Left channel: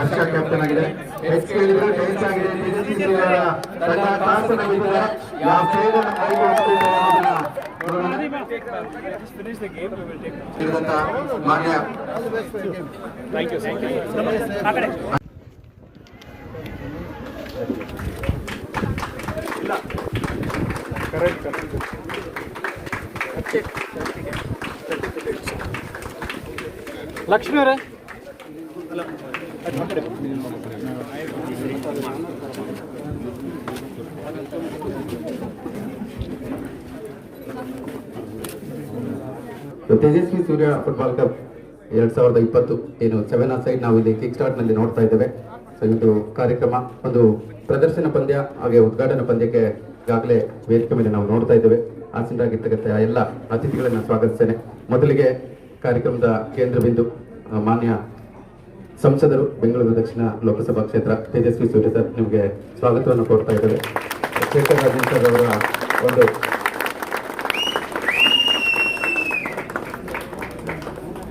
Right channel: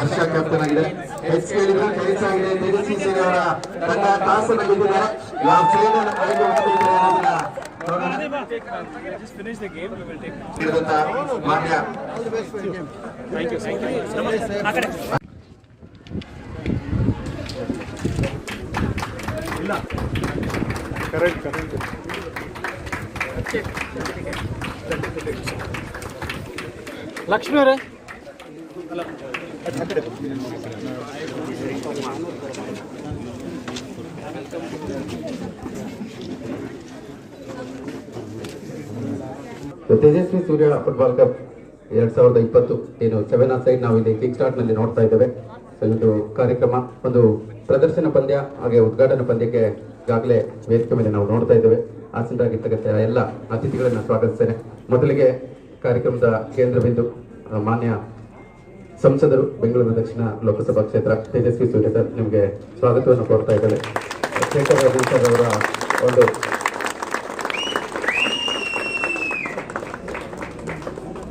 ಹರ್ಷ captain ಆಗಿದೆ. ತೇಜಸ್ವಿ ಸೂರ್ಯ ಅವರ ತಂಡ ಟಾಸ್ ಬಿದ್ದಿದ್ದಾರೆ. ಮಾನ್ಯ ಲಕ್ಷ್ಮಿ ಅವರೇ ತೇಜಸ್ವಿ ಸೂರ್ಯ ಫುಟ್ಬಾಲ್ ಕಪ್ 2020 ಏನು 7 ಸೈಡ್ ನಾವು ಇಲ್ಲಿ ಕಿಕ್ ಸ್ಟಾರ್ಟ್ ನಲ್ಲಿ ನೋಡ್ತಾ ಇದ್ದೇವೆ. ಸೊ ಇದು ಕಾರ್ಯಕ್ರಮ ಒಂದು ಪ್ರದರ್ಶನ ಪಂದ್ಯ ಹಾಗೆ ಉದ್ಘಾಟನಾ ಪಂದ್ಯಕ್ಕೆ ಈಗಾಗಲೇ ವೇದಿಕೆ ಮೇಲೆ ನಾವು ನೋಡ್ತಾ ಇದ್ದೇವೆ. ಆಸೀನರಾಗಿರ್ತಕ್ಕಂಥ ಎಲ್ಲ ಅತಿಥಿಗಳನ್ನು ಸ್ವಾಗತಿಸ್ತೇನೆ. ಮೊದಲಿಗೆ ಕಾರ್ಯಕ್ರಮದ ಕೇಂದ್ರ ಬಿಂದು ಮಾನ್ಯ ಸಂಸದರು, ಬೆಂಗಳೂರು ದಕ್ಷಿಣ ಲೋಕಸಭಾ ಕ್ಷೇತ್ರ ತೇಜಸ್ವಿ ಸೂರ್ಯ ಸರ್, ನಿಮಗೆ ಸ್ವಾಗತವನ್ನು ಕೋರ್ತಾ ಇದ್ದೇವೆ. ಶೇಖರ್ ರಾಜನ್ ಸರ್ ಅವರ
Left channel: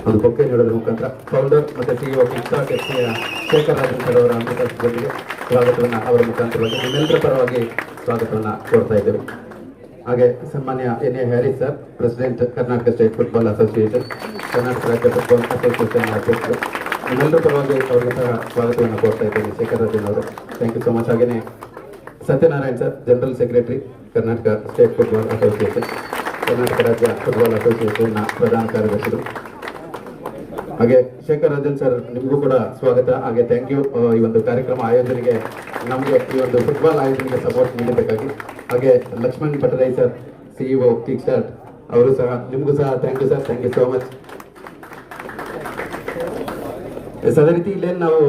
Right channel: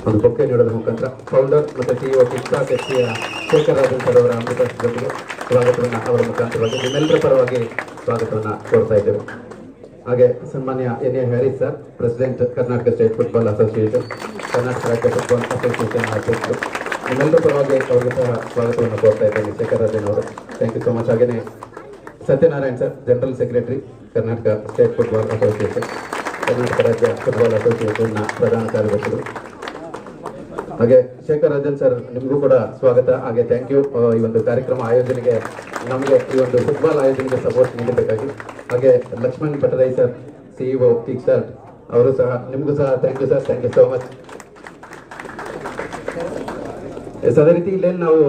ಒಂದು ಬೊಕ್ಕೆ ನೀಡೋದ್ರ ಮುಖಾಂತರ ಫೌಂಡರ್ ಮತ್ತು ಸಿಇಒ ಕಿಕ್ಸ್ಟಾರ್ಟ್ ಎಫ್ಸಿಯ ಶೇಖರ್ ರಾಜನ್ ಸರ್ ಅವರ ಅಮೃತಕ್ಕೆ ಸ್ವಾಗತವನ್ನು ಅವರ ಮುಖಾಂತರವಾಗಿ ನಿಮ್ಮೆಲ್ಲರ ಪರವಾಗಿ ಸ್ವಾಗತವನ್ನು ಕೋರ್ತಾ ಇದ್ದೇವೆ. ಹಾಗೆ ಸನ್ಮಾನ್ಯ N A Haris sir, president Karnataka state football association, Karnataka ರಾಜ್ಯ ಫುಟ್ಬಾಲ್ ಅಸೋಸಿಯೇಷನ್ ಅಧ್ಯಕ್ಷರು, ನಿಮ್ಮೆಲ್ಲರ ಪರವಾಗಿ ಅವರಿಗೆ ಸಹ ಸ್ವಾಗತವನ್ನು ಕೋರ್ತಾ ಇದ್ದೇನೆ. ಶೇಖರ್ ರಾಜನ್ ಅವರು, ಥ್ಯಾಂಕ್ ಯು ಸೊ ಮಚ್. ಹಾಗೆಯೇ Satyanarayan sir, general secretary, Karnataka state football association, Karnataka ರಾಜ್ಯ ಫುಟ್ಬಾಲ್ ಅಸೋಸಿಯೇಷನ್ನ ಪ್ರಧಾನ ಕಾರ್ಯದರ್ಶಿಗಳು. ಹಾಗೆ ಶೇಖರ್ ರಾಜನ್ ಸರ್, ನಿಮಗೂ ಕೂಡ ಸ್ವಾಗತ. ಹಾಗೆ ಥ್ಯಾಂಕ್ ಯು ಈ ಒಂದು ಕಾರ್ಯಕ್ರಮ ಆಯೋಜನೆಗೆ, ನಮಗೆ ಈ ಒಂದು ಫುಟ್ಬಾಲ್ ಆಯೋಜನೆಗೆ ಸಪೋರ್ಟ್ ನೀಡಬೇಕಾಗಿ. ಹಾಗೆ Lakshman Patarai sir, CEO kick start, ಅವರು ಸಹ, ನಿಮಗೂ ಸಹ thank you sir, thank you so much. ಅದೇ ರೀತಿ ಇಲ್ಲೇನು ನಾವು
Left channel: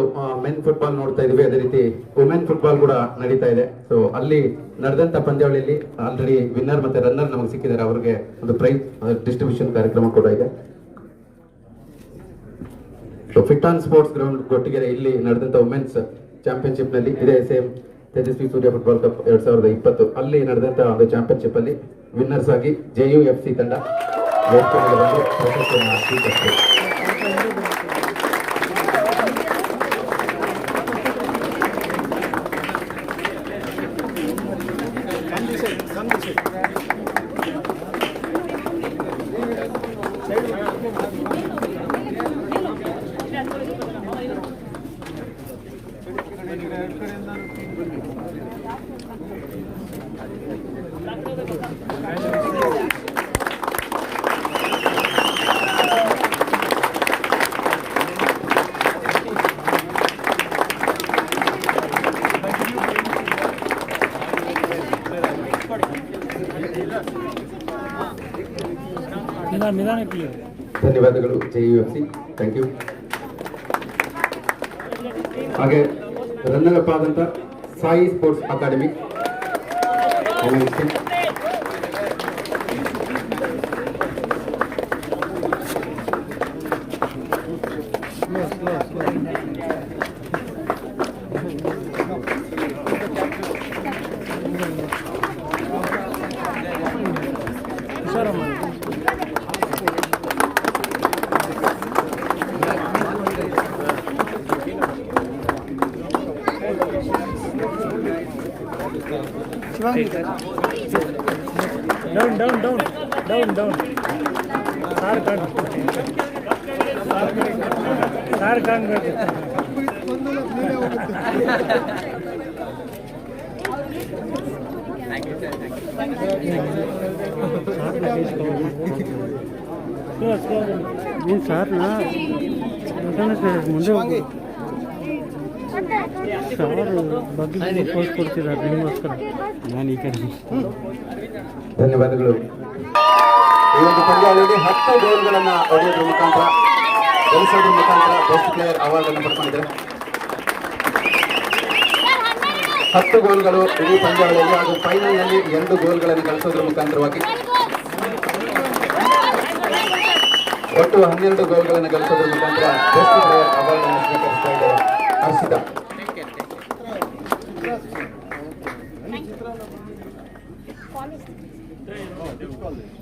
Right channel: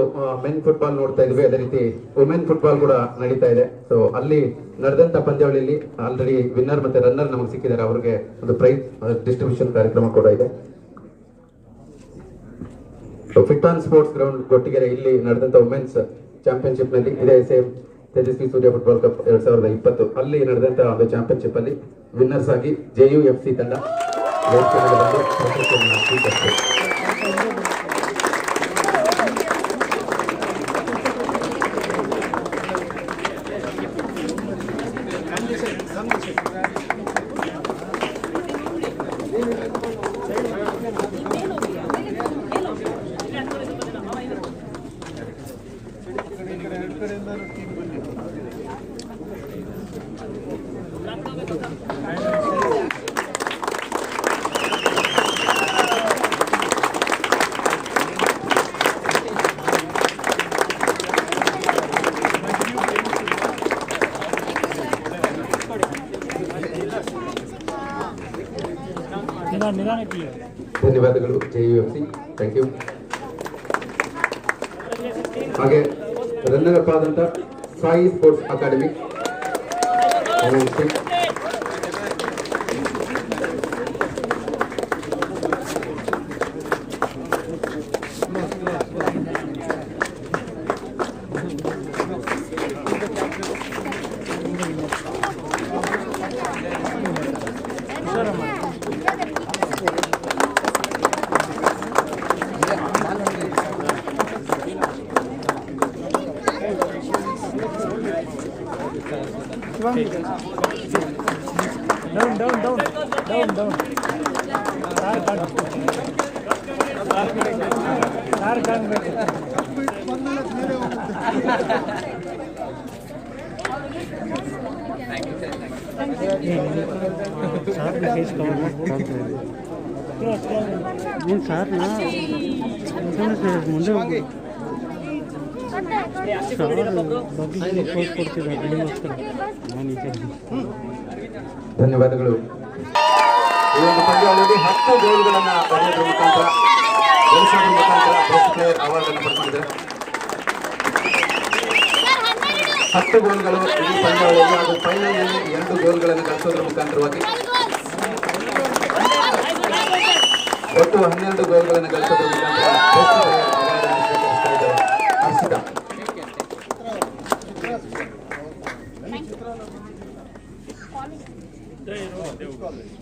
ಮೆನ್ ಫುಟ್ಬಾಲ್ ನೋಡ್ತಾ ಇದ್ವಿ, ಅದೇ ರೀತಿ ವುಮೆನ್ ಫುಟ್ಬಾಲ್ ಕೂಡ ನಡೀತಾ ಇದೆ. ಸೊ ಅಲ್ಲಿ ನಡೆದಂತ ಪಂದ್ಯಾವಳಿಯಲ್ಲಿ ಆಲ್ರೆಡಿ ವಿನ್ನರ್ ಮತ್ತೆ ರನ್ನರ್ ನಮಗೆ ಸಿಕ್ಕಿದ್ದಾರೆ. ಅವರಿಗೆ ಒಂದು ಪ್ರೈಸ್ ಡಿಸ್ಟ್ರಿಬ್ಯೂಷನ್ ಕಾರ್ಯಕ್ರಮ ಕೂಡ ಇದೆ. Fit on sports ground Gottigere ಇಲ್ಲಿ ನಡೆದಂತ ವುಮೆನ್ಸ್ ಚಾಂಪಿಯನ್ಶಿಪ್ ನಲ್ಲಿ ಇದೇ same Tejasvi Surya football cup 2020 ಅಲ್ಲಿ ನಡೆದಂತ ಒಂದು ಚಾಂಪಿಯನ್ಶಿಪ್ ಅಲ್ಲಿ ವಿನ್ನರ್ಸ್ ಆಗಿ JUFC ತಂಡ ಧನ್ಯವಾದಗಳು JUFC, ಥ್ಯಾಂಕ್ ಯು. ಹಾಗೆ ರನ್ನರ್ ಅಪ್ ಆದಂತ ಸಾಯಿ ಸ್ಪೋರ್ಟ್ಸ್ ಅಕಾಡೆಮಿ, ಡೌನ್ ನೀನು ಸಾರ್ನ ಮುಂದೆ ಹೋಗಿ ಸಾರ್ ಬಗ್ಗೆ ಪೋಸ್ಟ್ ಕೊಡ್ತಿದ್ದಾರೆ ನಿಮಗೋಸ್ಕರ. ನಾನು ಈ ಕಡೆ ಧನ್ಯವಾದಗಳು. ಈ ಒಂದು ಪಂದ್ಯಾವಳಿಯಲ್ಲಿ 10 ಗೋಲ್ಗಳನ್ನು ಹೊಡೆಯೋದ್ರ ಮುಖಾಂತರ ಗಳಿಸೋದ್ರ ಮುಖಾಂತರ ಬೆಸ್ಟ್ ಪ್ಲೇಯರ್ ಅವಾರ್ಡ್ ಅನ್ನು ಪಡ್ಕೊಂಡಿದೆ. 10 ಗೋಲ್ಗಳು ಈ ಪಂದ್ಯಾವಳಿಯಲ್ಲಿ, ಹಾಗೂ ಫೈನಲ್ನಲ್ಲಿ 2 ಗೋಲ್ಗಳನ್ನು ಗಳಿಸೋದ್ರ ಮುಖಾಂತರವಾಗಿ ಒಟ್ಟು 12 ಗೋಲ್ಗಳನ್ನು ಗಳಿಸೋದ್ರ ಮುಖಾಂತರ ಬೆಸ್ಟ್ ಪ್ಲೇಯರ್ ಅವಾರ್ಡ್ ಅನ್ನು ಸ್ವೀಕರಿಸ್ತಾ ಇದ್ದಾರೆ Harshita. Which college?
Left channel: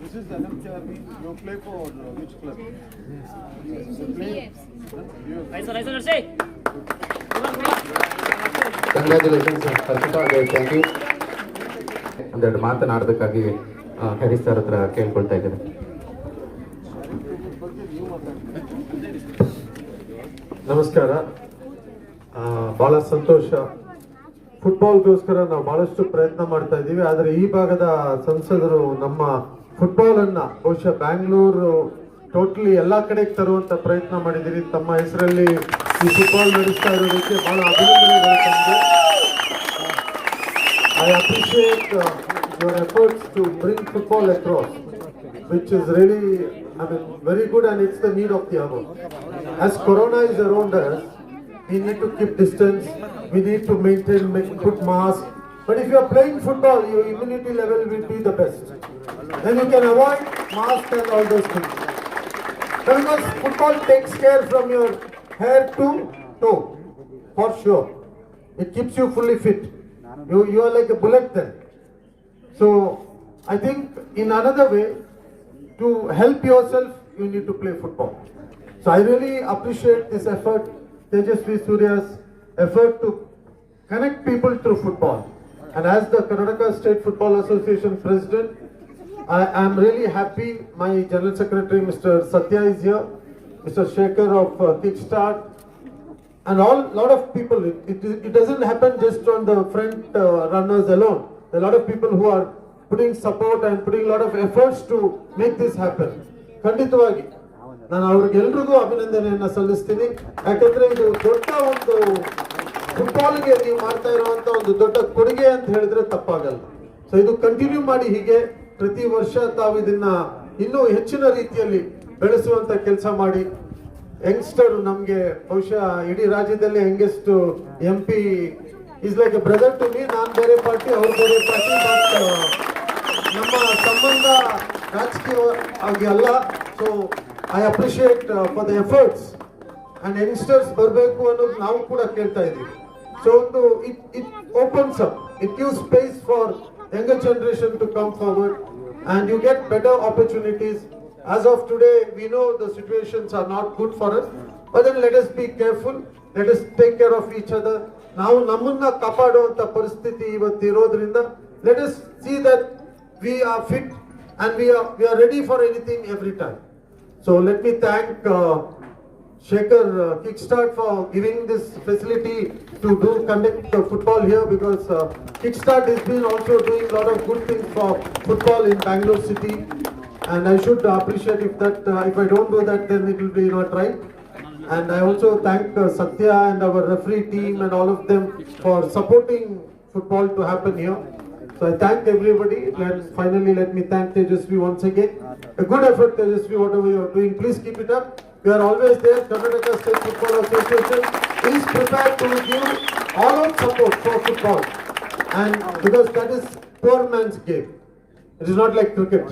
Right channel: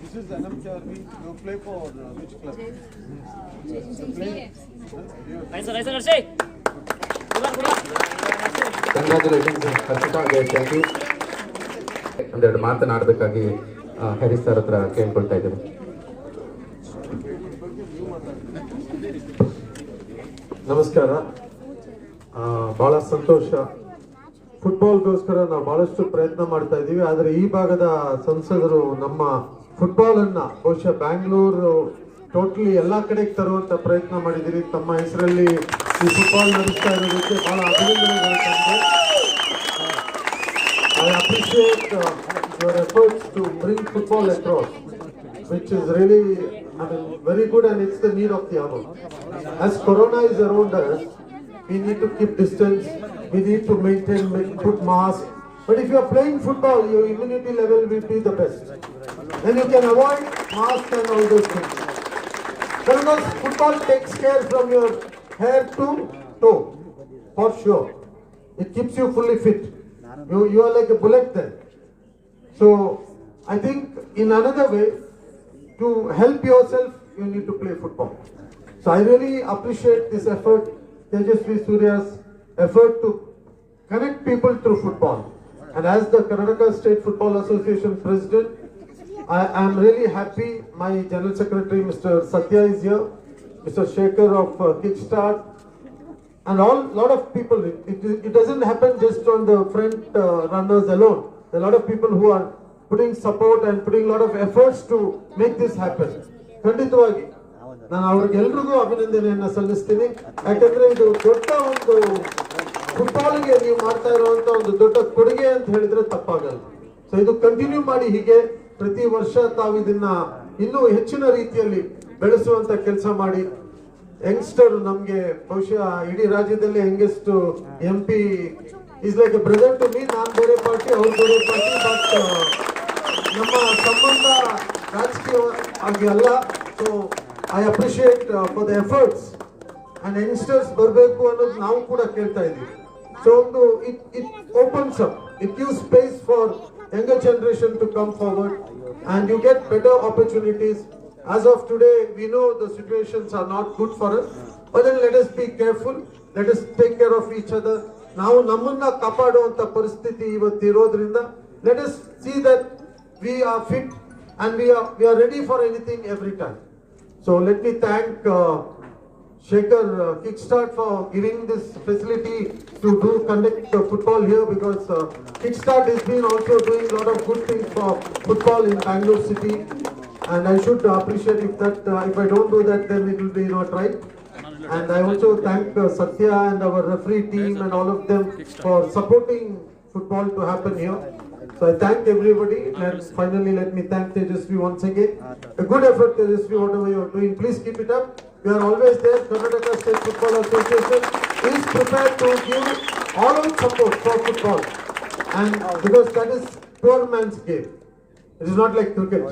This is NMK Army. You play for which club? You play? Congratulations Harshitha, thank you. ಒಂದೆರಡು ಮಾತನಾಡೋದಕ್ಕಾಗಿ ಹರೀಶ್ ಸರ್ ಹತ್ರ ಕೇಳ್ಕೊಳ್ತಾ ಇದ್ದೇನೆ. ನಮಸ್ಕಾರ. ಬಹಳ ಸಂತೋಷ. ಫುಟ್ಬಾಲ್ಗೋಸ್ಕರ ನಾವು ಬಹಳಷ್ಟು ಪ್ರಯತ್ನ ಮಾಡ್ತಾ ಇದ್ದೀವಿ. ಆದರೆ ಈ ಭಾಗದ ಸಂಸದರು ನಮ್ಮ ಫುಟ್ಬಾಲ್ ಅನ್ನ ಬಹುಶಃ ಬ್ಯಾಂಗ್ಳೂರು ಟೋಟಲಿ ಎಲ್ಲಾ ಕಡೆಗೆ ತರುವಂತ ಪ್ರಯತ್ನ ಮಾಡಿದ್ದೀರಿ. ತಮ್ಮ ಹೆಸರಲ್ಲಿ ಈ ಫುಟ್ಬಾಲ್ ನಡೆಸ್ತಾ ಇರೋದಕ್ಕೆ ಬಹಳ ಅಭಿನಂದನೆಗಳು ತಮಗೆ. I appreciate your efforts to bring football across, which is really, very good, and it's the need of the hour. As Corona is around us, we need to keep distance, we need to put mask. But if you are playing football, your immunity level will be the best. Then you can avoid mask and all those things. Because football takes care from your head to toe, for sure. It keeps you fully fit. You are like a bullet then. So I think in another way, to help yourself, you need to play football. So I really appreciate this effort, Tejasvi Surya's effort to connect people through football. And as the Karnataka State Football Association President, I am really happy. My General Secretary, Mr. Satya, is here. Mr. Shekhar of Kickstart. And lot of people, it doesn't happen just on the front runners alone. There are a lot of people who are putting support and putting a lot of efforts to make this happen. ಖಂಡಿತವಾಗಿ ನಾನು ಅವ್ರಿಗೆಲ್ರಿಗೂ ಅಭಿನಂದನೆಯನ್ನ ಸಲ್ಲಿಸ್ತೀನಿ. ಯಾಕಂದ್ರೆ ಇದು ದೊಡ್ಡ ಒಂದು ಫುಟ್ಬಾಲ್ಗೆ ನೀವು ಮಾಡ್ತಾ ಇರುವಂತ ಒಂದು ದೊಡ್ಡ ಕೊಡುಗೆ ಅಂತ ಹೇಳಿದ್ರೆ ತಪ್ಪಾಗಲ್ಲ. ಸೊ ಇದು ಕಂಟಿನ್ಯೂ ಮಾಡಿ, ಹೀಗೆ ಪ್ರತಿ ವರ್ಷ ತಾವು ಇದನ್ನ ಇನ್ನೂ ಹೆಚ್ಚಿನ ರೀತಿಯಲ್ಲಿ ಬೆಳೆಸುವಂತ ಕೆಲಸ ಮಾಡಿ. ಯಂಗ್ಸ್ಟರ್ ನಮ್ಗೆ ಬಹುಶಃ ಇಡೀ ರಾಜ್ಯದಲ್ಲಿ youngest MP is like a brother to me. ನಾನು ಬೇರೆ ಪಾರ್ಟಿ, ಅವ್ರು ಬೇರೆ ಪಾರ್ಟಿ, ಬಟ್ ನಮ್ಮ ಸಂಬಂಧ ರಾಜಕೀಯ ಆಗಿ ಅಲ್ಲ. So I appreciate for the efforts and youngsters ಬರಬೇಕು ಅನ್ನೋದು ನಾವು ಕೂಡ ಕೇಳ್ತಾ ಇದ್ದೀವಿ. ಸೊ ಒಂದು it opens up, it gives space for younger generation to come forward and you get better opportunities. As of today, we know the situations are not good for us, but then let us be careful, let us take care of each other. ನಾವು ನಮ್ಮನ್ನ ಕಾಪಾಡುವಂತ ಪರಿಸ್ಥಿತಿ ಇವತ್ತು ಇರೋದ್ರಿಂದ let us see that we are fit and we are ready for anything every time. So let me thank Shekhar Kickstart for giving this facility to conduct football here, because Kickstart has been also doing a lot of good things for football in Bangalore city, and I should appreciate if I don't do that, then it will be not right. And I also thank Satya and our referee team and all of them for supporting football to happen here. So I thank everybody, and finally let me thank Tejasvi once again. A good effort, Tejasvi, whatever you are doing, please keep it up. We are always there. Karnataka State Football Association is prepared to give all out support for football, and because that is poor man's game. It is not like cricket.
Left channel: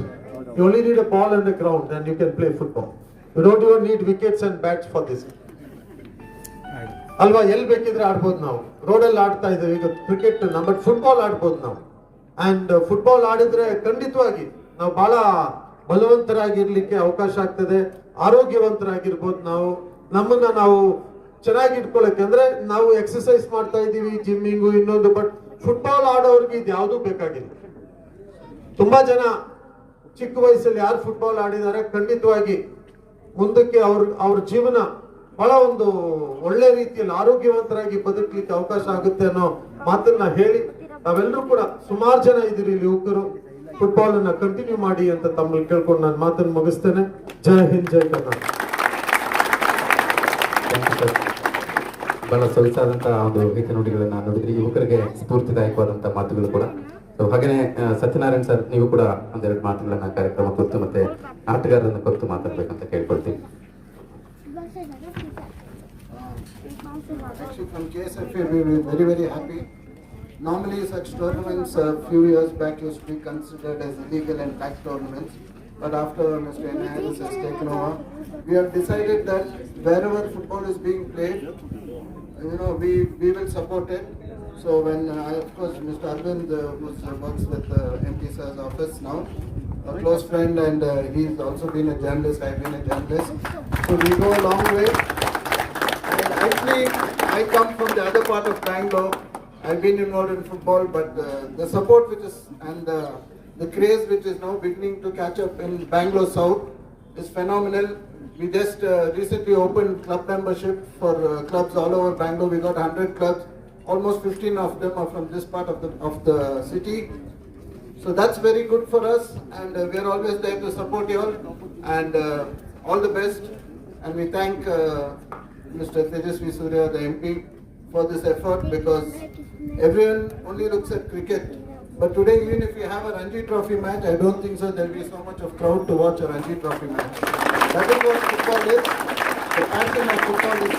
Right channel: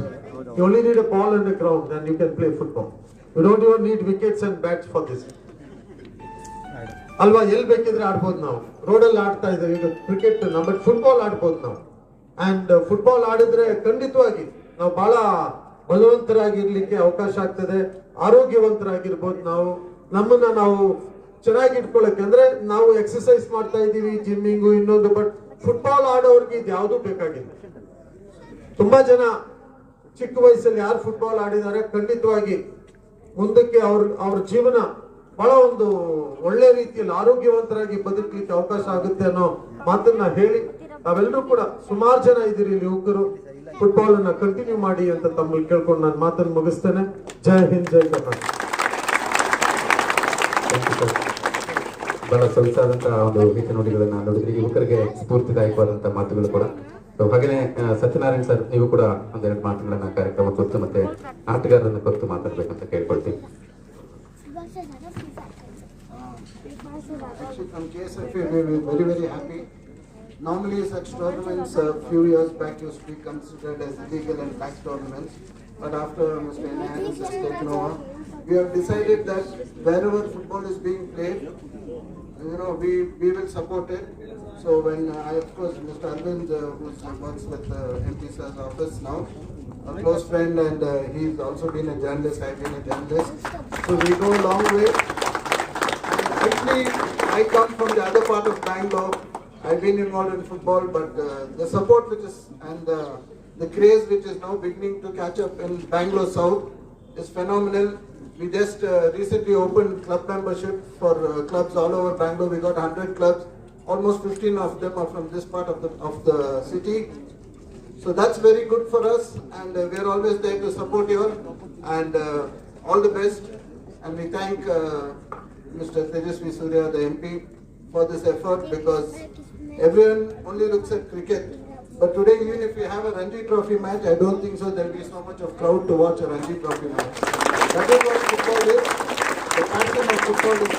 You only need a ball and a ground, and you can play football. You don't even need wickets and bats for this. ಅಲ್ವಾ, ಎಲ್ಲಿ ಬೇಕಿದ್ರೆ ಆಡ್ಬೋದು ನಾವು. ರೋಡಲ್ಲಿ ಆಡ್ತಾ ಇದ್ದೇವೆ ಈಗ cricket, but football ಆಡ್ಬೋದು ನಾವು. ಅಂಡ್ ಫುಟ್ಬಾಲ್ ಆಡಿದ್ರೆ ಖಂಡಿತವಾಗಿ ನಾವು ಬಹಳ ಬಲವಂತರಾಗಿರ್ಲಿಕ್ಕೆ ಅವಕಾಶ ಆಗ್ತದೆ, ಆರೋಗ್ಯವಂತರಾಗಿರ್ಬೋದು. ನಮ್ಮನ್ನ ನಾವು ಚೆನ್ನಾಗಿ ಇಟ್ಕೊಳ್ಳೋಕೆ, ಅಂದ್ರೆ ನಾವು ಎಕ್ಸರ್ಸೈಸ್ ಮಾಡ್ತಾ ಇದ್ದೀವಿ, ಜಿಮ್ಮಿಂಗು ಇನ್ನೊಂದು, ಬಟ್ ಫುಟ್ಬಾಲ್ ಆಡೋರ್ಗೆ ಇದು ಯಾವುದೂ ಬೇಕಾಗಿಲ್ಲ. ತುಂಬಾ ಜನ ಚಿಕ್ಕ ವಯಸ್ಸಲ್ಲಿ ಯಾರು ಫುಟ್ಬಾಲ್ ಆಡಿದ್ದಾರೆ, ಖಂಡಿತವಾಗಿ ಮುಂದಕ್ಕೆ ಅವ್ರ ಜೀವನ ಬಹಳ ಒಂದು ಒಳ್ಳೆ ರೀತಿಯಲ್ಲಿ ಆರೋಗ್ಯವಂತರಾಗಿ ಬದುಕಲಿಕ್ಕೆ ಅವಕಾಶ ಆಗುತ್ತೆ ಅನ್ನೋ ಮಾತನ್ನ ಹೇಳಿ, ನಾವೆಲ್ಲರೂ ಕೂಡ ಸುಮಾರು ಜನ ಇದ್ದೀರಿ ಇಲ್ಲಿ ಯುವಕರು, ಫುಟ್ಬಾಲ್ ಅನ್ನ ಕಂಟಿನ್ಯೂ ಮಾಡಿ ಅಂತ ತಮ್ಮಲ್ಲಿ ಕೇಳ್ಕೊಂಡು ನಾನು ಮಾತನ್ನು ಮುಗಿಸ್ತೇನೆ. ಜೈ ಹಿಂದ್, ಜೈ ಕರ್ನಾಟಕ. ಬಹಳ ಸೊಗಸಾದಂತಹ ಒಂದು ಗೀತೆ ನುಡಿಗಳನ್ನ ನೋಡಿದ್ರೆ ಯುವಕರಿಗೆ ಸ್ಫೂರ್ತಿದಾಯಕವಾದಂತಹ ಮಾತುಗಳು ಕೂಡ. ಹಾಗೆಯೇ ಸತ್ಯನಾರಾಯಣ್ ಸರ್, ನೀವು ಕೂಡ ಒಂದೆರಡು ಮಾತುಗಳನ್ನ ಕಾರ್ಯಕ್ರಮ ಕುರಿತು ಮತ್ತೆ ಆಟಗಾರರನ್ನ ಕುರಿತು ಮಾತಾಡ್ಬೇಕಂತ ಕೇಳ್ಕೊಳ್ತೀವಿ. Actually, from KSFA, we were very, very happy. Normally, such tournaments a few years back used to be considered as illegal and tax tournaments. But after Mr. Enhanced has taken over, we have decided that wherever football is being played, we will support it. So when of course, Mr. Arvind, who works with MP Sir's office now, a close friend, and he's also been a journalist, I've been a journalist. So we go a long way. And actually, I come from the other part of Bangalore. I've been involved in football, but the support which is, and the craze which is now beginning to catch up in Bangalore South is phenomenal. We just recently opened club membership for clubs all over Bangalore. We got 100 clubs. Almost 15 of them are from this part of the city. So that's very good for us, and we're always there to support you all, and all the best. And we thank Mr. Tejasvi Surya, the MP, for this effort, because everyone only looks at cricket. But today, even if we have a Ranji Trophy match, I don't think so there will be so much of crowd to watch a Ranji Trophy match. That is what football is. The passion of football is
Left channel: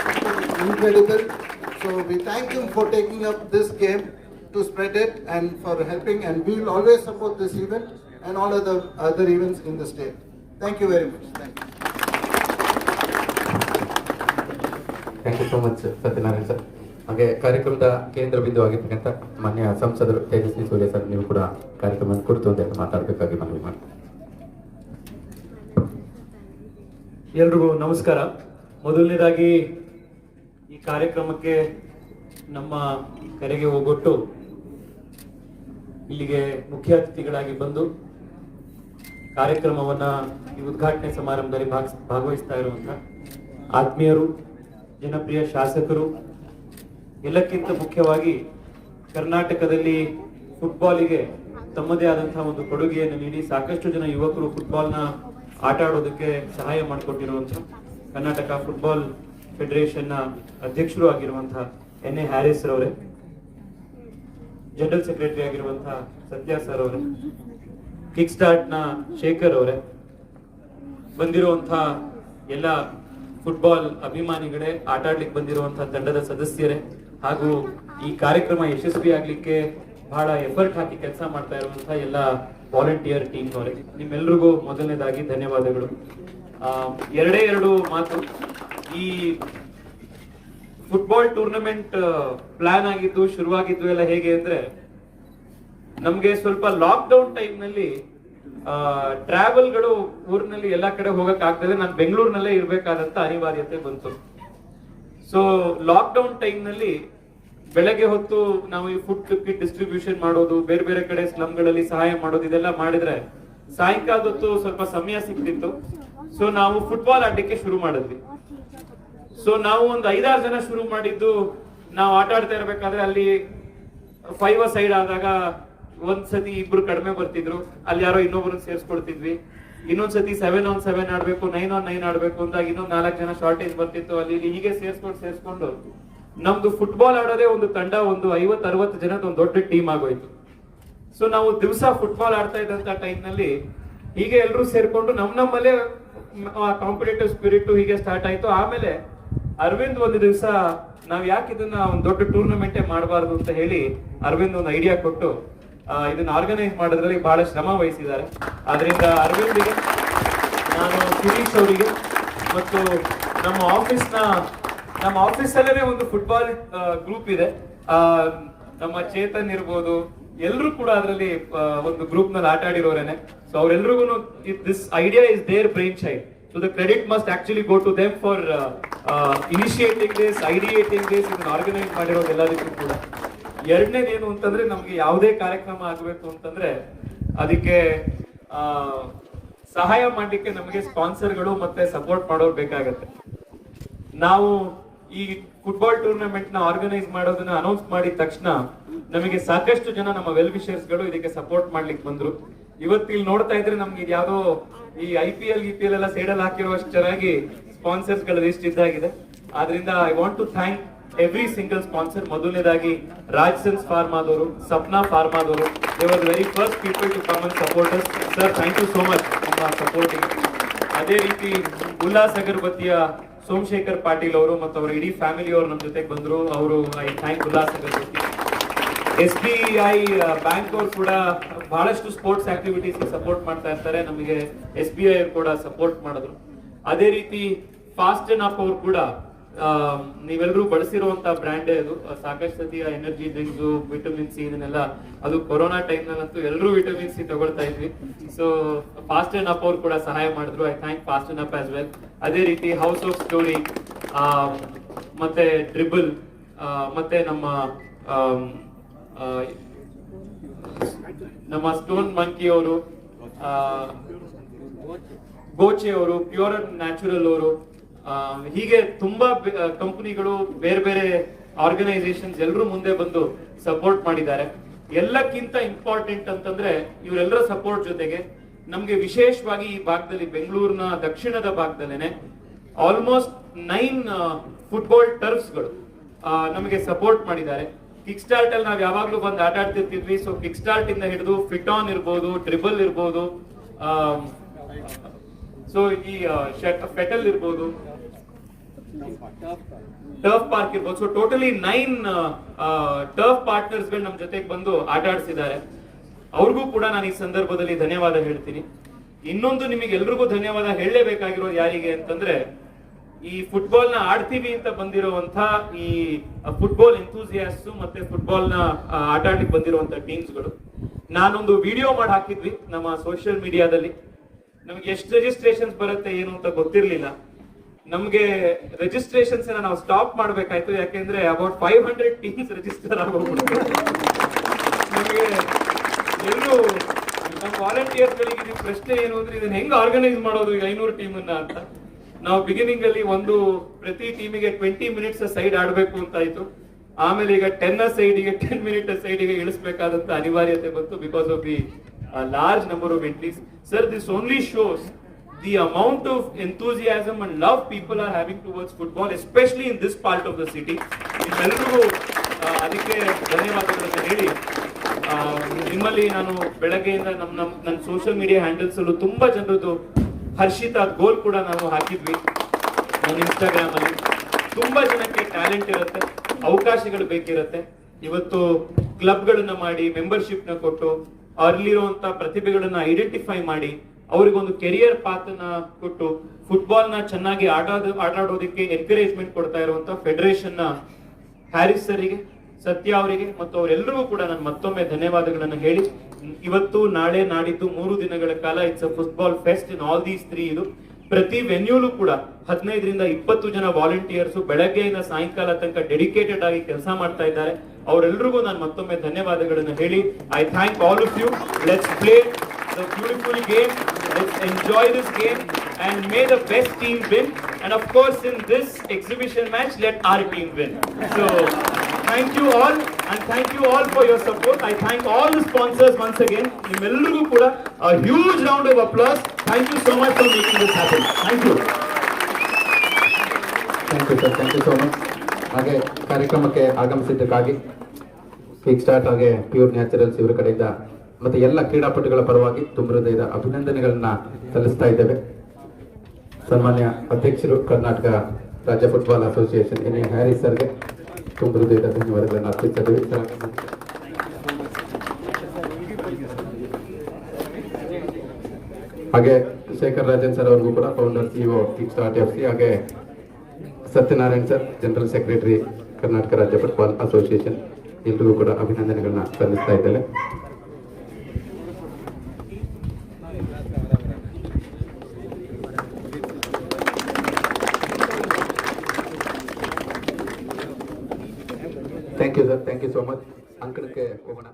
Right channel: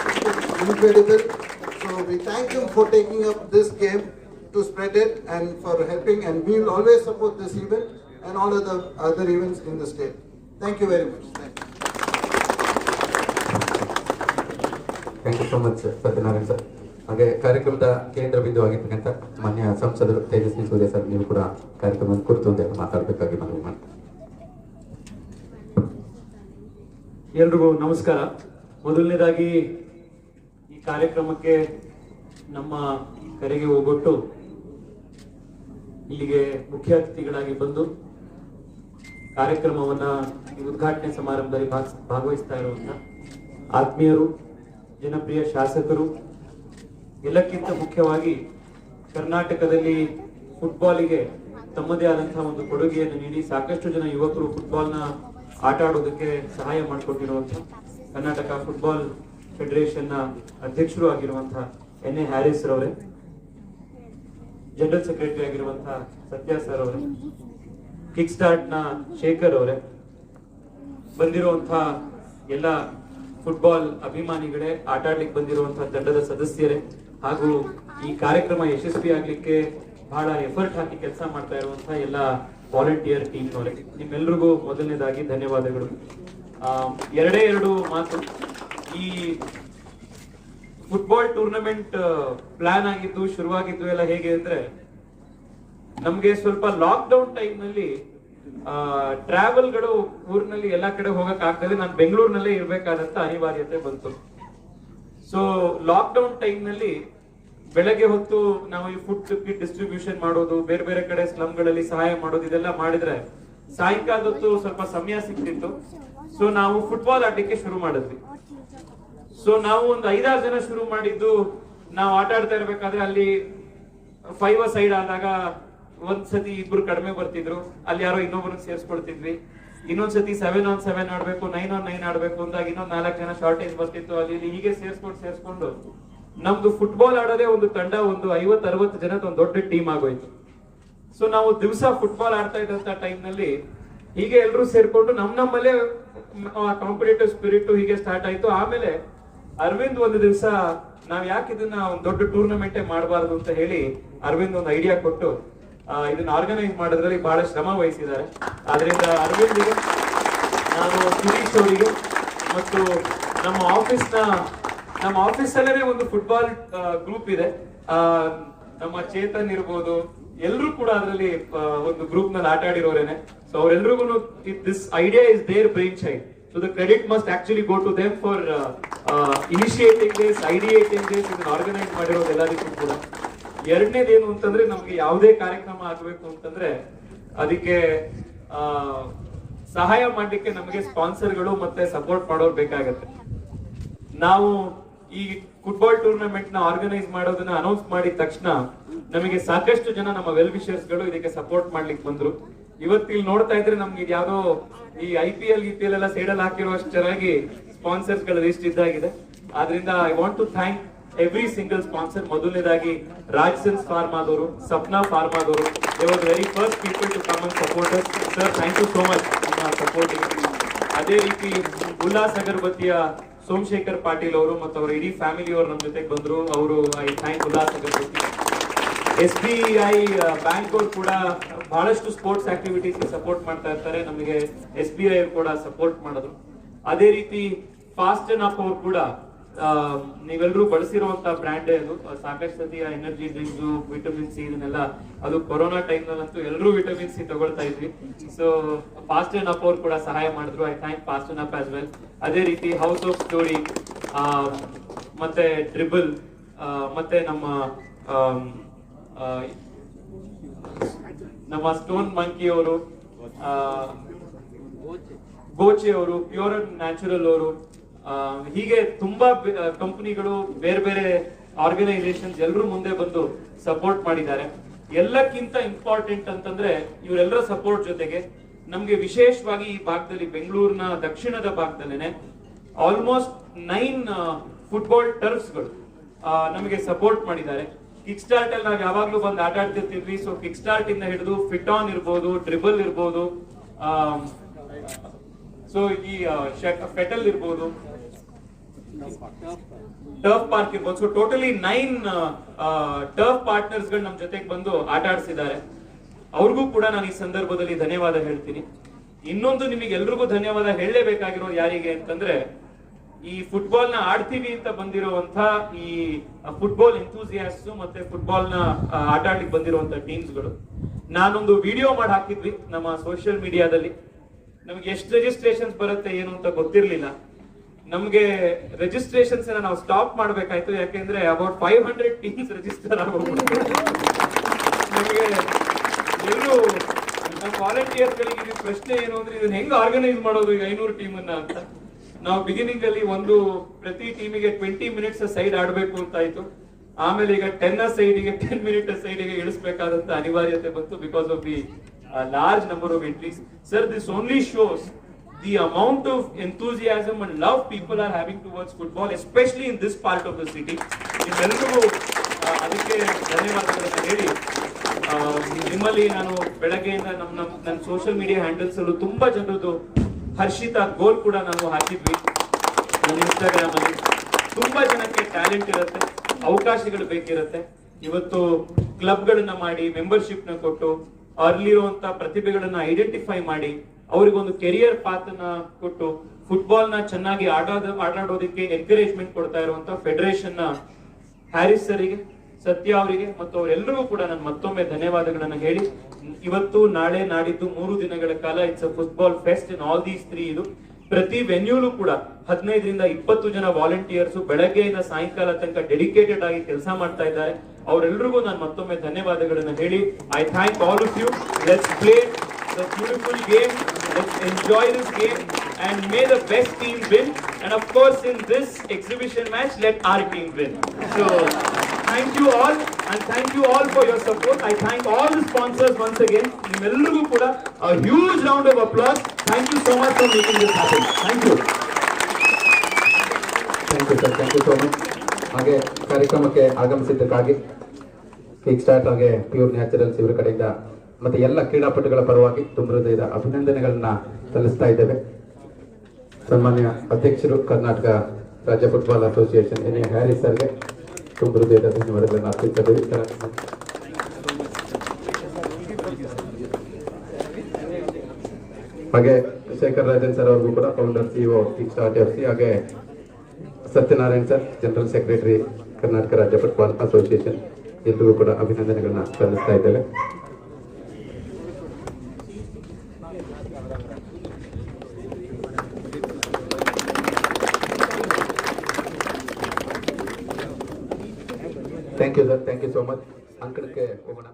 incredible. So we thank him for taking up this game to spread it and for helping, and we will always support this event and all other events in the state. Thank you very much. Thank you. Thank you so much Satyanarayan sir. ಹಾಗೆ ಕಾರ್ಯಕ್ರಮದ ಕೇಂದ್ರ ಬಿಂದು ಆಗಿರ್ತಕ್ಕಂಥ ಮಾನ್ಯ ಸಂಸದರು Tejasvi Surya sir, ನೀವು ಕೂಡ ಕಾರ್ಯಕ್ರಮದ ಕುರಿತು ಒಂದೆಲ್ಲ ಮಾತಾಡಬೇಕಾಗಿ ಮನವಿ ಮಾಡ್ತೀನಿ. ಎಲ್ರಿಗೂ ನಮಸ್ಕಾರ. ಮೊದಲನೇದಾಗಿ ಈ ಕಾರ್ಯಕ್ರಮಕ್ಕೆ ನಮ್ಮ ಕರೆಗೆ ಹೋಗೊಟ್ಟು ಇಲ್ಲಿಗೆ ಮುಖ್ಯ ಅತಿಥಿಗಳಾಗಿ ಬಂದು ಕಾರ್ಯಕ್ರಮವನ್ನ ಈ ಉದ್ಘಾಟನೆ ಸಮಾರಂಭದಲ್ಲಿ ಭಾಗವಹಿಸ್ತಾ ಇರುವಂತಹ ಆತ್ಮೀಯರು, ಜನಪ್ರಿಯ ಶಾಸಕರು, ಎಲ್ಲಕ್ಕಿಂತ ಮುಖ್ಯವಾಗಿ ಕರ್ನಾಟಕದಲ್ಲಿ ಫುಟ್ಬಾಲಿಗೆ ತಮ್ಮದೇ ಆದಂತಹ ಒಂದು ಕೊಡುಗೆಯನ್ನು ನೀಡಿ ಸಾಕಷ್ಟು ಜನ ಯುವಕರು ಫುಟ್ಬಾಲ್ನ ಆಟ ಆಡೋದಕ್ಕೆ ಸಹಾಯ ಮಾಡಿಕೊಟ್ಟಿರುವಂತಹ ಕರ್ನಾಟಕ ಫುಟ್ಬಾಲ್ ಫೆಡರೇಷನ್ನ ಅಧ್ಯಕ್ಷರು ಆಗಿರುವಂತಹ ಎನ್ ಎ ಹ್ಯಾರಿಸ್ ರವರೇ, ಜನರಲ್ ಸೆಕ್ರೆಟರಿ ಆಗಿರುವಂತಹ ಸತ್ಯ ಸರ್ ಅವರೇ, ಕಿಕ್ ಸ್ಟಾರ್ಟ್ ನ ಶೇಖರ್ ಅವರೇ, ಬಂದಿರುವಂತಹ ಎಲ್ಲ ಫುಟ್ಬಾಲ್ ಅಭಿಮಾನಿಗಳೇ, ಆಟ ಆಡ್ಲಿಕ್ಕೆ ಬಂದಿರುವಂತಹ ತಂಡದ ಸದಸ್ಯರೇ, ಹಾಗೂ ಈ ಕಾರ್ಯಕ್ರಮ ಯಶಸ್ವಿ ಆಗ್ಲಿಕ್ಕೆ ಬಹಳ ಎಫರ್ಟ್ ಹಾಕಿ ಕೆಲಸ ಮಾಡ್ತಾ ಇರುವಂತಹ ಎಲ್ಲ ವಾಲಂಟಿಯರ್ ಟೀಮ್ ಅವರೇ, ನಿಮ್ಮೆಲ್ಲರಿಗೂ ಮೊದಲನೇದಾಗಿ ಧನ್ಯವಾದಗಳು. ಎರಡು ಮಾತು. ಈ ಫುಟ್ಬಾಲ್ ಟೂರ್ನಮೆಂಟ್ ಪ್ಲಾನ್ ಆಗಿದ್ದು, ಶುರುವಾಗಿದ್ದು ಎಲ್ಲ ಹೇಗೆ ಅಂದ್ರೆ, ನಮ್ಗೆ ಸ್ವಲ್ಪ ಲಾಕ್ ಡೌನ್ ಟೈಮ್ ನಲ್ಲಿ ಟ್ರಾವೆಲ್ಗಳು ಊರಿನಲ್ಲಿ ಎಲ್ಲಾ ಕಡೆ ಹೋಗಕ್ ಆಗ್ತದೆ. ನಾನು ಬೆಂಗಳೂರಿನಲ್ಲೇ ಇರ್ಬೇಕಾದಂತ ಅನಿವಾರ್ಯತೆ ಬಂತು. ಸೊ ಲಾಕ್ ಡೌನ್ ಟೈಮ್ ನಲ್ಲಿ ಬೆಳಗ್ಗೆ ಹೊತ್ತು ನಾವು ಈ ಫುಡ್ ಕಿಟ್ ಡಿಸ್ಟ್ರಿಬ್ಯೂಷನ್ ಮಾಡೋದು, ಬೇರೆ ಬೇರೆ ಕಡೆ ಸ್ಲಮ್ಗಳಲ್ಲಿ ಸಹಾಯ ಮಾಡೋದು, ಇದೆಲ್ಲ ಮಾಡಿದ್ರೆ ಸಾಯಂಕಾಲ ಹೊತ್ತು ಸ್ವಲ್ಪ ಸಮಯ ಸಿಕ್ತಿತ್ತು. ಸೊ ನಾವು ಫುಟ್ಬಾಲ್ ಆಡ್ಲಿಕ್ಕೆ ಶುರು ಮಾಡಿದ್ವಿ. ಸೊ ನಾವು ಒಂದು 5-6 ಜನ ಶುರು ಮಾಡಿದ್ದು. ನಾವು ಆಟ ಆಡ್ತಾ ಇರ್ಬೇಕಾದ್ರೆ ಅಲ್ಲಿ 5 ಸೈಡ್ ಆದಾಗ ಒಂದ್ಸತಿ ಇಬ್ರು ಕಡಿಮೆ ಬರ್ತಿದ್ರು, ಅಲ್ಲಿ ಯಾರೋ ಇನ್ನೊಬ್ರು ಸೇರ್ಸ್ಕೊಡ್ತಿದ್ವಿ. ಇನ್ನೊಂದ್ಸತಿ 7-on-7 ಆಡ್ಬೇಕು, 9-on-9 ಆಡ್ಬೇಕು ಅಂದಾಗ ಇನ್ನೊಂದ್ 4 ಜನ ಶಾರ್ಟೇಜ್ ಬರ್ತಿತ್ತು. ಅಲ್ಲಿ ಹೀಗೆ ಸೇರ್ಸ್ಕೊಂಡು ನಮ್ದು ಫುಟ್ಬಾಲ್ ಆಡೋದೇ ಒಂದು ತಂಡ, ಒಂದು 50-60 ಜನದ ಒಂದು ದೊಡ್ಡ ಟೀಮ್ ಆಗೋಯ್ತು. ಸೊ ನಾವು ದಿವಸ ಫುಟ್ಬಾಲ್ ಆಡ್ತಾ ಇದ್ದಂತ ಟೈಮ್ ನಲ್ಲಿ ಹೀಗೆ ಎಲ್ಲರೂ ಸೇರ್ಕೊಂಡು ನಮ್ಮಲ್ಲೇ ಕಾಂಪಿಟೇಟಿವ್ ಸ್ಪಿರಿಟ್ ಹೀಗೆ ಸ್ಟಾರ್ಟ್ ಆಯ್ತು. ಆಮೇಲೆ ಅರವಿಂದ್ ಒಂದು ದಿವಸ ನಾವ್ ಯಾಕೆ ಇದನ್ನ ಒಂದು ದೊಡ್ಡ ಟೂರ್ನಮೆಂಟೇ ಮಾಡಬಾರ್ದು ಅಂತ ಹೇಳಿ ಅರವಿಂದ್ ಒಂದು ಐಡಿಯಾ ಕೊಟ್ಟು ಇದನ್ನ ಆರ್ಗನೈಸ್ ಮಾಡೋದ್ರಲ್ಲಿ ಬಹಳ ಶ್ರಮ ವಹಿಸಿದ್ದಾರೆ. ಆದ್ರಿಂದ ಅರವಿಂದ್ಗೆ, ನಾನು ಶಿರೀಶ್ ಅವರಿಗೆ ಮತ್ತು ನಮ್ಮ ಆಫೀಸಲ್ಲೇ ಒಂದು ಫುಟ್ಬಾಲ್ ಗ್ರೂಪ್ ಇದೆ. ನಮ್ಮ ಚೇತನ್ ಇರ್ಬೋದು, ಎಲ್ಲರೂ ಕೂಡ ಅದರಲ್ಲಿ ಒಂದು ಗ್ರೂಪ್ ನಲ್ಲಿ ಆಟ ಆಡಿರೋರೇನೆ. ಸೊ ಅವರೆಲ್ಲರಿಗೂ this idea is their brainchild. So the credit must actually go to them for initiating this, ideating this, ಇದನ್ನ ಆರ್ಗನೈಸ್ ಮಾಡಿರೋದು ಎಲ್ಲದಕ್ಕೂ ಕೂಡ. ಎರಡನೇದೇನು ಅಂತಂದ್ರೆ, ನಮ್ಗೆ ಯಾವುದೇ ಕಾರ್ಯಕ್ರಮ ಆಗಬೇಕು ಅಂತಂದ್ರೆ ಅದಕ್ಕೆ ಸಹಾಯ ಮಾಡ್ಲಿಕ್ಕೆ ನಮಗೆ ಸ್ಪಾನ್ಸರ್ಗಳು ಮತ್ತೆ ಸಪೋರ್ಟ್ ಮಾಡೋರು ಬೇಕಾಗತ್ತೆ. ನಾವು ಈ ಫುಟ್ಬಾಲ್ ಟೂರ್ನಮೆಂಟ್ ನ ಆರ್ಗನೈಸ್ ಮಾಡೋದನ್ನ ಅನೌನ್ಸ್ ಮಾಡಿದ ತಕ್ಷಣ ನಮಗೆ ಸಾಕಷ್ಟು ಜನ ನಮ್ಮ ವೆಲ್ ವಿಷರ್ಸ್ ಗಳು ಇದಕ್ಕೆ ಸಪೋರ್ಟ್ ಮಾಡ್ಲಿಕ್ಕೆ ಬಂದ್ರು. ಇವತ್ತು ಇಲ್ಲಿ ನೋಡ್ತಾ ಇದ್ರೆ ನಮ್ಗೆ ಇದ್ಯಾವುದೋ ಈ IPL ಎಲ್ಲ ಸೈಡಲ್ಲಿ ಹಾಕಿರುವಷ್ಟು ಚೆನ್ನಾಗಿ ಸ್ಪಾನ್ಸರ್ಸ್ ಗಳ ಲಿಸ್ಟ್ ಇದ್ದಾಗಿದೆ. ಆದ್ರಿಂದ I want to thank every single sponsor. ಮೊದಲನೇದಾಗಿ ರಾಜ್ಸನ್ಸ್ ಫಾರ್ಮಾದವರು, ಸಪ್ನಾ ಫಾರ್ಮಾದವರು, they was very first people to come and support us. Sir, thank you so much ನಿಮ್ಮ ಸಪೋರ್ಟಿಗೆ. ಅದೇ ರೀತಿ ಉಲ್ಲಾಸ್ ಅಗರಬತ್ತಿಯ ಸೋಮಶೇಖರ್ ಪಾಟೀಲ್ ಅವರು ಮತ್ತು ಅವರ ಇಡೀ ಫ್ಯಾಮಿಲಿ ಅವರು ನಮ್ಮ ಜೊತೆಗೆ ಬಂದ್ರು. ಅವರು I thank Ullas agarbatti. SBI bank ಅವರು ಕೂಡ ಬಹಳಷ್ಟು ಸ್ಪೋರ್ಟ್ಸ್ ಆಕ್ಟಿವಿಟೀಸ್ ಸಪೋರ್ಟ್ ಮಾಡ್ತಾ ಇರ್ತಾರೆ. ನಮಗೆ SBI ಕೂಡ ಸಪೋರ್ಟ್ ಮಾಡಿದ್ರು. ಅದೇ ರೀತಿ ಫಾಸ್ಟ್ ಅಂಡ್ ಅಪ್ ಅವರು ಕೂಡ ನೀವೆಲ್ಲರೂ ಬಳಸಿರುವಂತಹ ಬ್ರ್ಯಾಂಡ್ ಅದು ಸಾಕಷ್ಟು ಸತಿ ಎನರ್ಜಿ ಡ್ರಿಂಕ್ಸ್ ವಿಟಮಿನ್ ಸಿ ಇದನ್ನೆಲ್ಲ ಅದು ಕೊರೋನಾ ಟೈಮ್ ನಲ್ಲಂತೂ ಎಲ್ಲರೂ ವಿಟಮಿನ್ ಸಿ ತಗೊಳ್ತಾ ಇದ್ವಿ. ಸೊ ಫಾಸ್ಟ್ ಅಂಡ್ ಅಪ್ ಅವ್ರು ಕೂಡ ಸಹಾಯ ಮಾಡಿದ್ರು. I thank fast and up as well. ಅದೇ ರೀತಿ ಹೌಸ್ ಆಫ್ ಸ್ಟೋರಿ ಮತ್ತೆ ಡ್ರಿಬಲ್ ಮತ್ತೆ ನಮ್ಮ ಸ್ಟೋನ್ ಮಂಕಿ ಅವರು, ಗೋಚೆ ಅವರು, ಪ್ಯೂರ್ ಅಂಡ್ ನ್ಯಾಚುರಲ್ ಅವರು, ಹೀಗೆ ತುಂಬಾ ಕಂಪನಿಗಳು, ಬೇರೆ ಬೇರೆ ಆರ್ಗನೈಸೇಷನ್ಸ್ ಎಲ್ಲರೂ ಮುಂದೆ ಬಂದು ಸಪೋರ್ಟ್ ಮಾಡಿದ್ದಾರೆ. ಎಲ್ಲಕ್ಕಿಂತ ಇಂಪಾರ್ಟೆಂಟ್ ಅಂತಂದ್ರೆ ಇವರೆಲ್ಲರ ಸಪೋರ್ಟ್ ಜೊತೆಗೆ ನಮ್ಗೆ ವಿಶೇಷವಾಗಿ ಈ ಭಾಗದಲ್ಲಿ ಬೆಂಗಳೂರಿನ ದಕ್ಷಿಣದ ಭಾಗದಲ್ಲೇನೆ ಆಲ್ಮೋಸ್ಟ್ 9 ಫುಟ್ಬಾಲ್ ಟರ್ಫ್ಸ್ಗಳು ನಮಗೆ ಸಪೋರ್ಟ್ ಮಾಡಿದ್ದಾರೆ. ಕಿಕ್ ಸ್ಟಾರ್ಟ್ ಅಲ್ಲಿ ನಾವು ಯಾವಾಗ್ಲೂ ಬಂದು ಆಟ ಆಡ್ತಿರ್ತಿದ್ವಿ. ಸೊ ಕಿಕ್ ಸ್ಟಾರ್ಟ್ ಇಂದ ಹಿಡಿದು ಫಿಟ್ ಆನ್ ಇರ್ಬೋದು, ಡ್ರಿಬಲ್ ಇರ್ಬೋದು, ಸೊ ಈ ಫೆಟಲ್ ಇರ್ಬೋದು, ಟರ್ಫ್ ಪಾರ್ಕ್ ಇರ್ಬೋದು. ಸೊ ಟೋಟಲಿ 9 ಟರ್ಫ್ ಪಾರ್ಟ್ನರ್ಸ್ ಗಳು ನಮ್ ಜೊತೆಗೆ ಬಂದು ಆಟ ಆಡಿಸಿದ್ದಾರೆ. ಅವ್ರಿಗೂ ಕೂಡ ನಾನು ಈ ಸಂದರ್ಭದಲ್ಲಿ ಧನ್ಯವಾದ ಹೇಳ್ತೀನಿ. ಇನ್ನೊಂದು ನಿಮಗೆ ಎಲ್ರಿಗೂ ಧನ್ಯವಾದ ಹೇಳಲೇಬೇಕಾಗಿರೋದು ಯಾರಿಗೆ ಅಂತಂದ್ರೆ, ಈ ಫುಟ್ಬಾಲ್ ನ ಆಡ್ತೀವಿ ಅಂತ ಬಂದಿರುವಂತ ಈ ಫುಟ್ಬಾಲ್ ಎಂಥೂಸಿಯಾಸ್ಟು ಮತ್ತೆ ಫುಟ್ಬಾಲ್ ನ ಆಟ ಆಡ್ಲಿಕ್ಕೆ ಬಂದಿರುವಂತ ಟೀಮ್ಸ್ಗಳು. ನಾನೊಂದು ವಿಡಿಯೋ ಮಾಡಿ ಹಾಕಿದ್ವಿ ನಮ್ಮ ಸೋಷಿಯಲ್ ಮೀಡಿಯಾದಲ್ಲಿ. ನಮ್ಗೆ ಎಷ್ಟು ರಿಜಿಸ್ಟ್ರೇಷನ್ಸ್ ಬರುತ್ತೆ ಏನು ಅಂತ ಗೊತ್ತಿರ್ಲಿಲ್ಲ. ನಮ್ಗೆ ರಿಜಿಸ್ಟ್ರೇಷನ್ಸ್ ನಾವು ಸ್ಟಾಪ್ ಮಾಡ್ಬೇಕಾಯ್ತು, ಯಾಕೆಂದ್ರೆ ಅಬೌಟ್ 500 ಟೀಮ್ಸ್ ರಿಜಿಸ್ಟರ್ ಆಗೋಗ್ಬಿಟ್ಟು ನಮಗೆ ಎಲ್ಲರೂ ನಮ್ಮ ವಾಲಂಟಿಯರ್ಸ್ ಗಳಿಗೆ ಪ್ರಶ್ನೆ ಏನು ಅಂದ್ರೆ, ಇದನ್ನ ಹೆಂಗ್ ಆರ್ಗನೈಸ್ ಮಾಡೋದು ಈ 500 ಟೀಮ್ ಅನ್ನ ಅಂತ. ನಾವು ಬಿಗಿನಿಂಗ್ ಅಲ್ಲಿ ಪ್ರತಿ ಟೀಮಿಗೆ 20 ಮಿನಿಟ್ಸ್ ಸೈಡ್ ಆಡ್ಬೇಕು ಅಂತ ಆಯ್ತು. ಆಮೇಲೆ ಈಗ 10 ಸೈಡಿಗೆ 10 ಮಿನಿಟ್ ಸೈಡಿಗೆ ಇಳಿಸಬೇಕಾದಂತ ಅನಿವಾರ್ಯತೆ ಬಂತು because of the large number of entries. Sir, this only shows the amount of enthusiasm and love people are having towards football, especially in this part of the city. ನಿಮ್ಮೆಲ್ಲರಿಗೂ ಅದಕ್ಕೆ ಧನ್ಯವಾದಗಳನ್ನ ಹೇಳಿ, ನಿಮ್ಮಲ್ಲಿ ನಾನು ಬೆಳಗ್ಗೆಯಿಂದ ನನ್ನ ಸೋಷಿಯಲ್ ಮೀಡಿಯಾ ಹ್ಯಾಂಡಲ್ಸ್ ಅಲ್ಲೂ ತುಂಬಾ ಜನರದ್ದು ಹರ್ಷಿತಾ ಗೋಲ್ ಕೂಡ ನಾವು ಹಾಕಿದ್ವಿ. ನನ್ನ ಇನ್ಸ್ಟಾಗ್ರಾಮ್ ಅಲ್ಲಿ ತುಂಬಾ ಜನಕ್ಕೆ ಟ್ಯಾಲೆಂಟ್ ಇರುತ್ತೆ, ಅವಕಾಶಗಳು ಬೇಕಿರುತ್ತೆ. ಇವತ್ತು ಕ್ಲಬ್ಗಳನ್ನ ಮಾಡಿ, ಮೆಂಬರ್ಶಿಪ್ ನ ಕೊಟ್ಟು, ಅಲ್ಲಿರುವಂತ ಪ್ರತಿಭೆಗಳನ್ನ ಐಡೆಂಟಿಫೈ ಮಾಡಿ, ಅವ್ರಿಗೊಂದು ಕೆರಿಯರ್ ಪಾತ್ ನ ಕೊಟ್ಟು ಫುಟ್ಬಾಲ್ ನ ಚೆನ್ನಾಗಿ ಆಟಾಡೋದಕ್ಕೆ ಎನ್ಕರೇಜ್ಮೆಂಟ್ ಕೊಡ್ತಾ ಇರುವಂತ ಫೆಡರೇಷನ್ ನ ಹ್ಯಾರಿಸ್ ಸರಿಗೆ, ಸತ್ಯ ಅವರಿಗೆ ಮತ್ತು ಅವರೆಲ್ಲರಿಗೂ ಕೂಡ ನಾನು ಮತ್ತೊಮ್ಮೆ ಧನ್ಯವಾದಗಳನ್ನು ಹೇಳಿ, ಇವತ್ತು ನಾಳೆ ನಾಡಿದ್ದು 3 ದಿನಗಳ ಕಾಲ it's a football fest in all these 3. ಇದು ಪ್ರತಿ ವೆನ್ಯೂಲು ಕೂಡ 15 ರಿಂದ 20 ಜನ ವಾಲಂಟಿಯರ್ಸ್ ಬೆಳಗ್ಗೆಯಿಂದ ಸಾಯಂಕಾಲ ತನಕ ಡೆಡಿಕೇಟೆಡ್ ಆಗಿ ಕೆಲಸ ಮಾಡ್ತಾ ಇದ್ದಾರೆ. ಅವರೆಲ್ಲರಿಗೂ ನಾನು ಮತ್ತೊಮ್ಮೆ ಧನ್ಯವಾದಗಳನ್ನು ಹೇಳಿ, I thank all of you. Let's play the beautiful game, let's enjoy this game and may the best team win, and of course in this exhibition match let our team win. So thank you all, and thank you all for your support. I thank all the sponsors once again. Nimellarigu kuda a huge round of applause. Thank you so much for making this happen. Thank you. Thank you sir, thank you so much. ಹಾಗೆ ಕಾರ್ಯಕ್ರಮಕ್ಕೆ ಆಗಮಿಸಿದ್ದಕ್ಕಾಗಿ Kick Start ಹಾಗೆ Pure Naturals ಇವರ ಕಡೆಯಿಂದ ಮತ್ತೆ ಎಲ್ಲ ಕ್ರೀಡಾಪಟುಗಳ ಪರವಾಗಿ ತುಂಬ ಹೃದಯದ ಅಭಿನಂದನೆಗಳನ್ನ ಸಲ್ಲಿಸ್ತಾ ಇದ್ದೇವೆ. ಸನ್ಮಾನ್ಯ ಅಧ್ಯಕ್ಷರು ಕರ್ನಾಟಕ ರಾಜ್ಯ football association N A Haris ಸರ್ಗೆ ತುಂಬ ಹೃದಯದ ಧನ್ಯವಾದಗಳನ್ನು ಅರ್ಪಿಸಿದ್ದೇವೆ. ಹಾಗೆ ಶೇಖರ್ ರಾಜನ್ ಸರ್ ಅವ್ರಿಗೂ ಕೂಡ founder CEO kick start FC, ಹಾಗೆ Satyanarayan sir general secretary Karnataka ರಾಜ್ಯ ಫುಟ್ಬಾಲ್ ಅಸೋಸಿಯೇಷನ್, ಎಲ್ರಿಗೂ ಕೂಡ ಅಭಿನಂದನೆಗಳನ್ನ ಸಲ್ಲಿಸ್ತಾ ಇದ್ದೇವೆ. Thank you sir, thank you so much. ಅಂಕಣಕ್ಕೆ ಹೋಗೋಣ.